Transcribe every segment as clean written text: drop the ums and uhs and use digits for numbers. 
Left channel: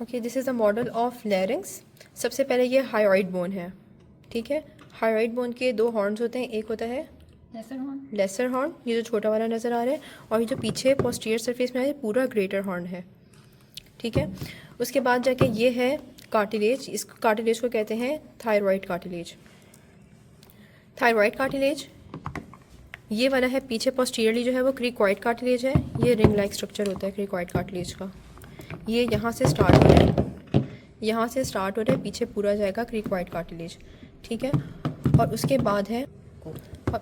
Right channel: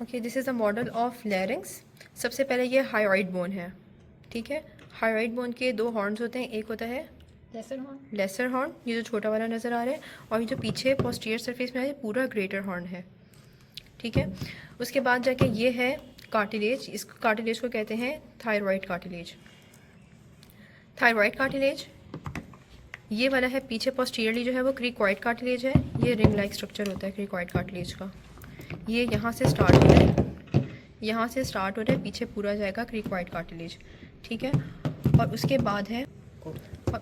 Okay, this is the model of larynx. सबसे पहले ये हायोइड बोन है, ठीक है। हायोइड बोन के दो हॉर्न्स होते हैं, एक होता है लेसर हॉर्न, ये जो छोटा वाला नज़र आ रहा है, और ये जो पीछे पोस्टीरियर सरफेस में है पूरा ग्रेटर हॉर्न है, ठीक है। उसके बाद जाके ये है कार्टिलेज, इस कार्टिलेज को कहते हैं थायरॉइड कार्टिलेज। थायरॉइड कार्टिलेज ये वाला है, पीछे पोस्टीरियरली जो है वो क्रिकॉइड कार्टिलेज है। ये रिंग लाइक स्ट्रक्चर होता है क्रिकॉइड कार्टिलेज का। ये यहाँ से स्टार्ट हो रहा है, यहाँ से स्टार्ट हो रहा है, पीछे पूरा जाएगा क्रिकॉइड कार्टिलेज, ठीक है। और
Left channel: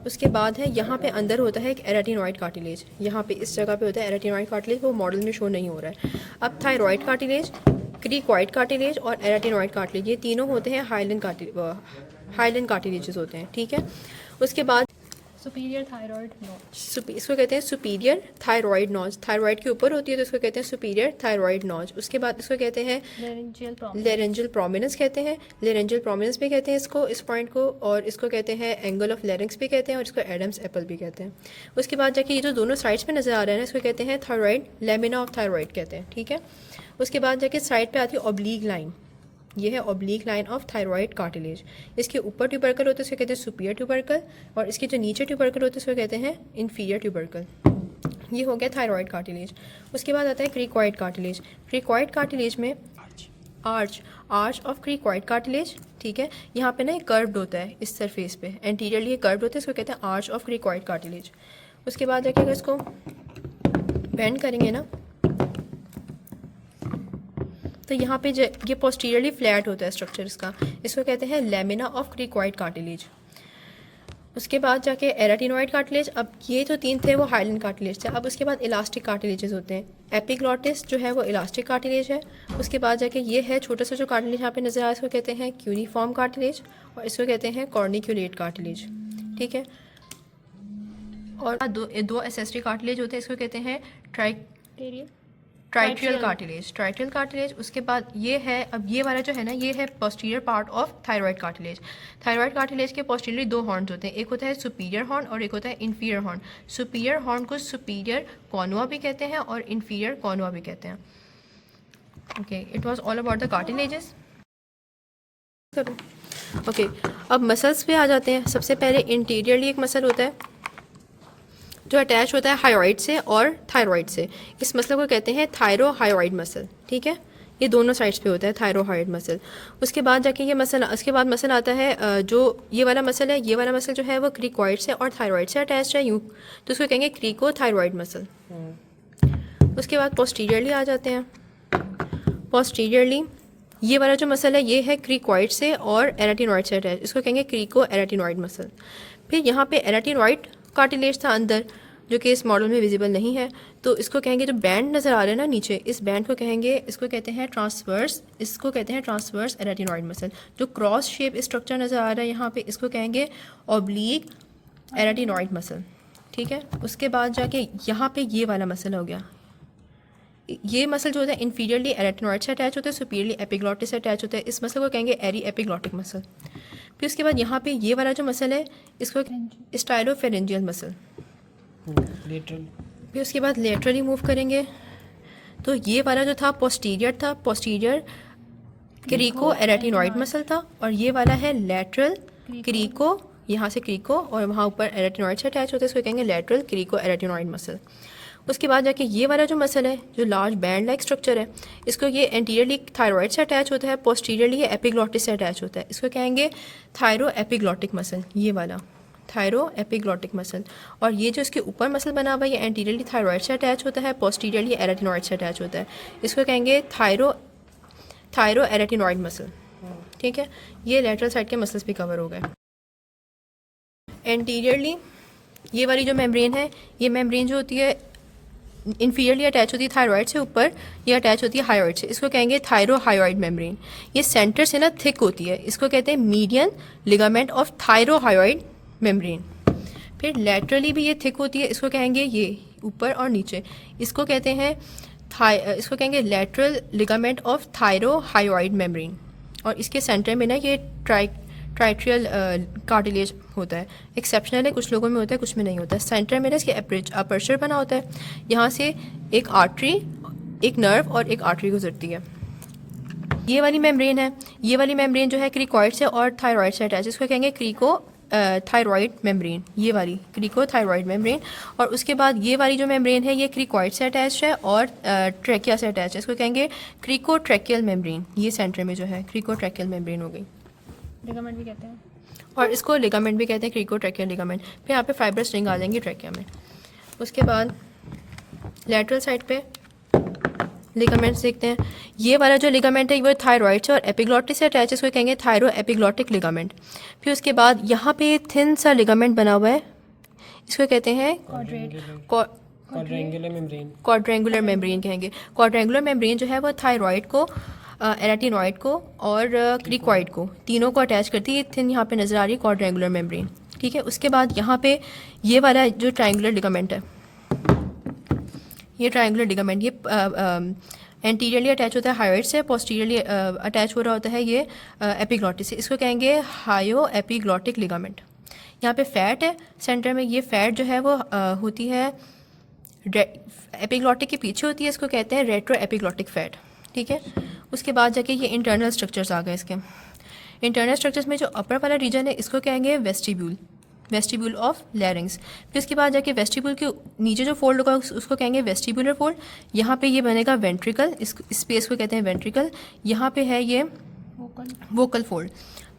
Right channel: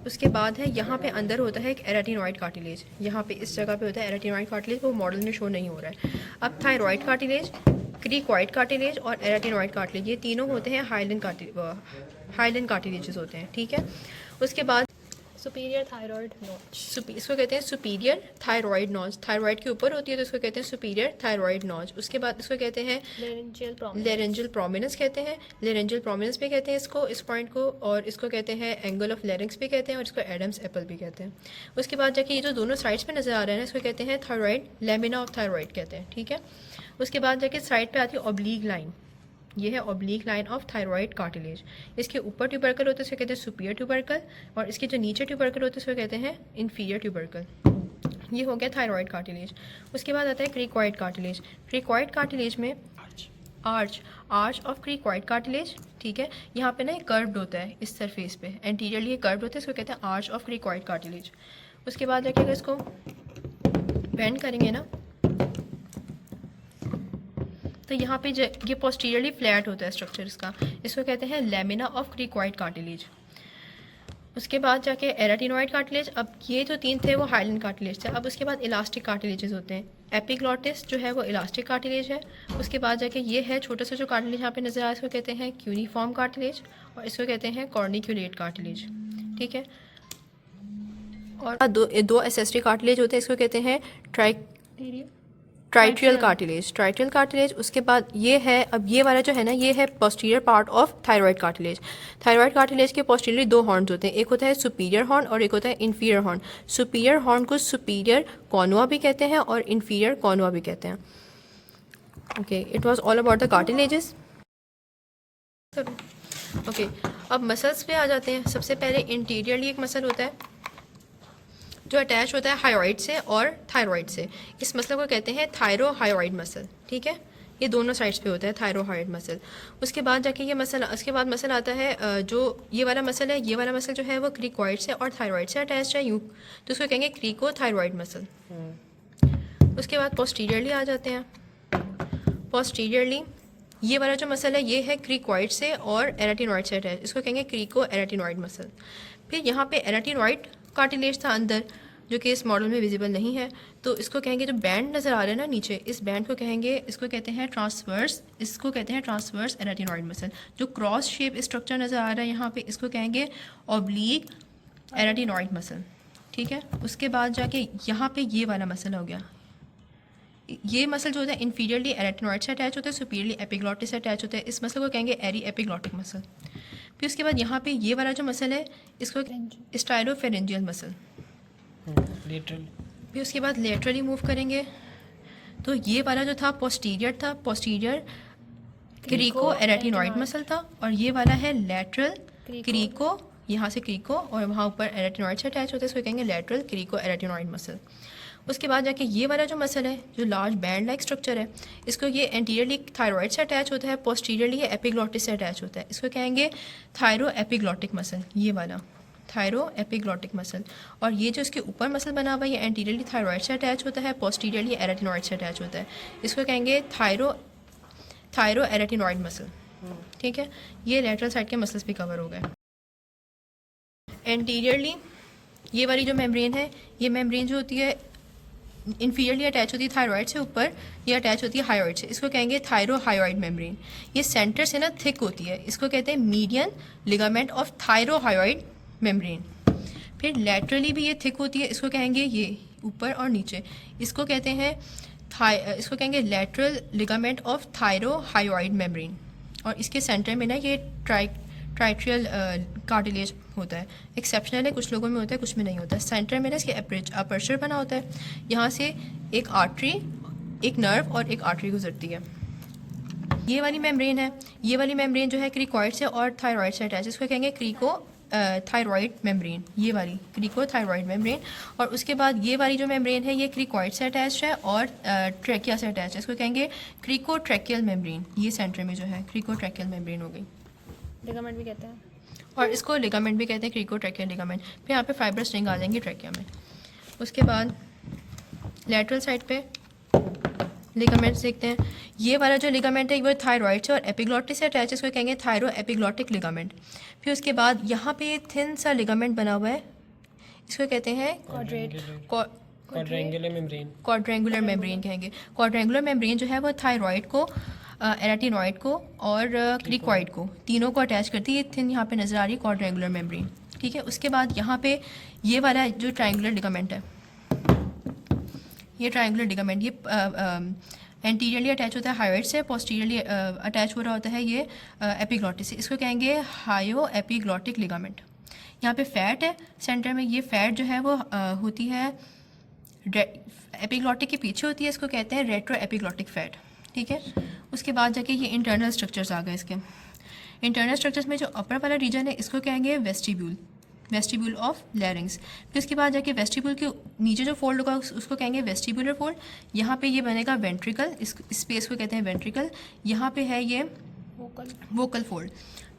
उसके बाद है यहाँ पे अंदर होता है एक एराटिनॉइड कार्टिलेज, यहाँ पे इस जगह पे होता है एराटिनॉइड कार्टिलेज, वो मॉडल में शो नहीं हो रहा है। अब थायरॉइड कार्टिलेज, क्रिकॉइड कार्टिलेज और एराटिनॉइड कार्टिलेज, ये तीनों होते हैं हाइलन कार्टिलेजेस होते हैं, ठीक है। उसके बाद सुपीरियर थायराइड नॉच, इसको कहते हैं सुपीरियर थायरॉइड नॉच। थायरॉइड के ऊपर होती है तो इसको कहते हैं सुपीरियर थायरॉइड नॉच। उसके बाद इसको कहते हैं लेरेंजियल प्रोमिनेंस कहते हैं, लेरेंजियल प्रोमिनेंस भी कहते हैं इसको, इस पॉइंट को, और इसको कहते हैं एंगल ऑफ लेरिंक्स भी कहते हैं, और इसको एडम्स एप्पल भी कहते हैं। उसके बाद जाके ये जो दोनों साइड्स पे नजर आ रहे हैं इसको कहते हैं थायरॉइड, लेमिना ऑफ थायरॉइड कहते हैं, ठीक है। उसके बाद जाके साइड पे आती है ऑब्लीक लाइन, ये है oblique line of thyroid cartilage. इसके ऊपर ट्यूबरकल होते हैं इसको कहते हैं सुपीरियर ट्यूबरकल, और इसके जो नीचे ट्यूबरकल होते हैं इसको कहते हैं इन्फीरियर ट्यूबरकल। ये हो गया थायरॉइड कार्टिलेज। उसके बाद आता है क्रिकॉइड कार्टिलेज। क्रिकॉइड कार्टिलेज में आर्च ऑफ क्रिकॉइड कार्टिलेज, ठीक है। यहाँ पे ना एक कर्व्ड होता है इस सरफेस पे, एंटीरियरली ये कर्व्ड होता है, इसको कहते हैं आर्च ऑफ क्रिकॉइड कार्टिलेज। उसके बाद जाके अगर इसको बेंड करेंगे ना तो यहाँ पे ये पोस्टीरियरली फ्लैट होता है स्ट्रक्चर इसका, इसको कहते हैं लेमिना ऑफ क्रिकॉइड कार्टिलेज। उसके बाद जाके एराटिनॉइड कार्टिलेज। अब ये जो तीन थे वो हाइलन कार्टिलेज थे। अब उसके बाद इलास्टिक कार्टिलेजेस होते हैं। एपिग्लॉटिस जो है वो इलास्टिक कार्टिलेज है। उसके बाद जाके ये है छोटा सा जो कार्टिलेज यहाँ पे नजर आ रहा है इसको कहते हैं क्यूनिफॉर्म कार्टिलेज, और इसको कहते हैं कॉर्निक्यूलेट कार्टिलेज, ठीक है। और दो एसेस्ट्री कार्टिलेज होते हैं, इसको कहते हैं ट्राइट्रियल कार्टिलेज। उसके बाद ये है, अब ये वाला जो है ना ये है posterior part of thyroid cartilage. Thyroid cartilage के पोस्टीरियरली दो हॉर्न्स होते हैं, एक होता है सुपीरियर हॉर्न और एक होता है इन्फीरियर हॉर्न। सुपीरियर हॉर्न को सुपीरियर कॉर्नुआ भी कहते हैं और इन्फीरियर कॉर्नुआ भी कहते हैं। Okay, it was all about the cartilages. Okay, अब मसल्स पे आ जाते हैं। सबसे पहले इंटीरियरली एक मसल होता है जो अटैच होता है हायोइड से और थायरॉइड से। इस मसल को कहते हैं थायरोहायोइड मसल, ठीक है। ये दोनों साइड्स पे होता है थायरोहायोइड मसल। उसके बाद जाके ये मसल, उसके बाद मसल आता है जो ये वाला मसल है, ये वाला मसल जो है वो क्रिकॉइड से और थायरॉइड से अटैच है यूँ, तो उसको कहेंगे क्रिकोथायरॉइड मसल। उसके बाद पोस्टीरियरली आ जाते हैं। पोस्टीरियरली ये वाला जो मसल है ये है क्रिकॉइड से और एराटिनॉइड से अटैच, इसको कहेंगे क्रिको एराटिनॉइड मसल। फिर यहाँ पे एराटिनॉइड कार्टिलेज था अंदर जो कि इस मॉडल में विजिबल नहीं है, तो इसको कहेंगे जो बैंड नज़र आ रहा है ना नीचे, इस बैंड को कहेंगे, इसको कहते हैं ट्रांसवर्स, इसको कहते हैं ट्रांसवर्स एराटिनॉइड मसल। जो क्रॉस शेप स्ट्रक्चर नज़र आ रहा है यहाँ पे इसको कहेंगे ऑब्लीक एराटिनॉइड मसल, ठीक है। उसके बाद जाके यहाँ पे ये वाला मसल हो गया, ये मसल जो होता है इन्फीरियरली एराटिनॉइड से अटैच होता है, सुपीरियरली एपिग्लॉटिस से अटैच होता है, इस मसल को कहेंगे एरी एपिग्लॉटिक मसल। फिर उसके बाद यहाँ पे ये वाला जो मसल है इसको स्टाइलोफेरेंजियल मसल। लेटरल। फिर उसके बाद लेटरली मूव करेंगे तो ये वाला जो था पोस्टीरियर था, पोस्टीरियर क्रिको एराटिनॉइड मसल था, और ये वाला है लेटरल क्रिको, यहाँ से क्रिको और वहाँ ऊपर एराटिनॉइड से अटैच होता है, इसको कहेंगे लेटरल क्रिको एराटिनॉइड मसल। उसके बाद जाके ये वाला जो मसल है जो लार्ज बैंड लाइक स्ट्रक्चर है, इसको ये एंटीरियरली थायरॉइड से अटैच होता है, पोस्टीरियरली ये एपिग्लॉटिस से अटैच होता है, इसको कहेंगे थायरो एपिग्लॉटिक मसल, ये वाला थायरो एपिग्लॉटिक मसल। और ये जो इसके ऊपर मसल बना हुआ है ये एंटीरियरली थायरॉइड से अटैच होता है, पोस्टीरियरली एराटिनॉइड से अटैच होता है, इसको कहेंगे थायरो एराटिनॉइड मसल, ठीक है। ये लेटरल साइड के मसल्स भी कवर हो गए। एंटीरियरली ये वाली जो मेम्ब्रेन है, ये मेम्ब्रेन जो होती है इन्फीरियरली अटैच होती है थायरॉइड से, ऊपर ये अटैच होती है हायोइड से, इसको कहेंगे थायरोहायोइड मेम्ब्रेन। ये सेंटर से ना थिक होती है, इसको कहते हैं मीडियन लिगामेंट ऑफ थायरोहायोइड मेम्ब्रेन। फिर लैटरली भी ये थिक होती है, इसको कहेंगे ये ऊपर और नीचे, इसको कहते हैं इसको कहेंगे लैटरल लिगामेंट ऑफ थायरोहायोइड मेम्ब्रेन। और इसके सेंटर में ना ये ट्राइट्रियल कार्टिलेज होता है, एक्सेप्शनल है, कुछ लोगों में होता है कुछ में नहीं होता है। सेंटर में ना इसके अपर्चर बना होता है, यहाँ से एक आर्टरी, एक नर्व और एक आर्टरी गुजरती है। ये वाली मेम्ब्रेन है, ये वाली मेम्ब्रेन जो है क्रिकॉइड से और थायराइड से अटैच, इसको कहेंगे क्रिको थायराइड मेम्ब्रेन, ये वाली क्रिको थायराइड मेम्ब्रेन। और उसके बाद ये वाली जो मेम्ब्रेन है ये क्रिकॉइड से अटैच है और ट्रैकिया से अटैच है, इसको कहेंगे क्रिको ट्रैकियल मेम्ब्रेन। ये सेंटर में जो है क्रिको ट्रैकियल मेम्ब्रेन हो गई, लिगामेंट भी कहते हैं, और इसको लिगामेंट भी कहते हैं, क्रिको ट्रैकियल लिगामेंट। फिर यहाँ पे फाइब्रस रिंग आ जाएंगी ट्रैकिया में। उसके बाद लेटरल साइड पे लिगामेंट्स देखते हैं। ये वाला जो लिगामेंट है वो थायराइड से और एपिग्लॉटिस से अटैच है, इसको कहेंगे थायरो एपिग्लॉटिक लिगामेंट। फिर उसके बाद यहाँ पे थिन सा लिगामेंट बना हुआ है, इसको कहते हैं क्वाड्रेंगुलर मेम्ब्रेन। क्वाड्रेंगुलर मेम्ब्रेन कहेंगे। क्वाड्रेंगुलर मेम्ब्रेन जो है वो थायराइड को, एराटिनॉइड को और क्रिकॉइड को, तीनों को अटैच करती है। ये थिन यहाँ पे नजर आ रही है क्वाड्रेंगुलर मेम्ब्रेन, ठीक है। उसके बाद यहाँ पे ये वाला जो ट्रायंगुलर लिगामेंट है, ये ट्रायंगुलर लिगामेंट, ये एंटीरियरली अटैच होता है हायोइड से, पोस्टीरियरली अटैच हो रहा होता है ये एपिग्लॉटिस से, इसको कहेंगे हायो एपिग्लॉटिक लिगामेंट। यहाँ पे फैट है सेंटर में, ये फैट जो है वो होती है एपिग्लॉटिक के पीछे होती है, इसको कहते हैं रेट्रो एपिग्लॉटिक फैट, ठीक है। उसके बाद जाके ये इंटरनल स्ट्रक्चर्स आ गए इसके। इंटरनल स्ट्रक्चर्स में जो अपर वाला रीजन है इसको कहेंगे वेस्टिब्यूल, वेस्टिब्यूल ऑफ लैरिंग्स। फिर उसके बाद जाके वेस्टिब्यूल के नीचे जो फोल्ड होगा उसको कहेंगे वेस्टिब्यूलर फोल्ड। यहाँ पे ये बनेगा वेंट्रिकल, इस स्पेस को कहते हैं वेंट्रिकल। यहाँ पे है ये वोकल फोल्ड।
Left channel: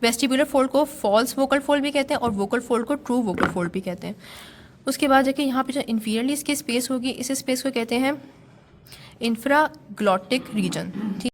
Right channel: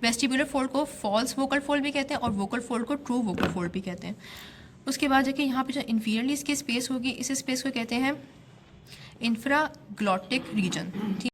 वेस्टिब्यूलर फोल्ड को फॉल्स वोकल फोल्ड भी कहते हैं और वोकल फोल्ड को ट्रू वोकल फोल्ड भी कहते हैं। उसके बाद जाके यहाँ पे जो इंफीरियरली इसकी स्पेस होगी, इस स्पेस को कहते हैं इंफ्राग्लॉटिक रीजन, ठीक।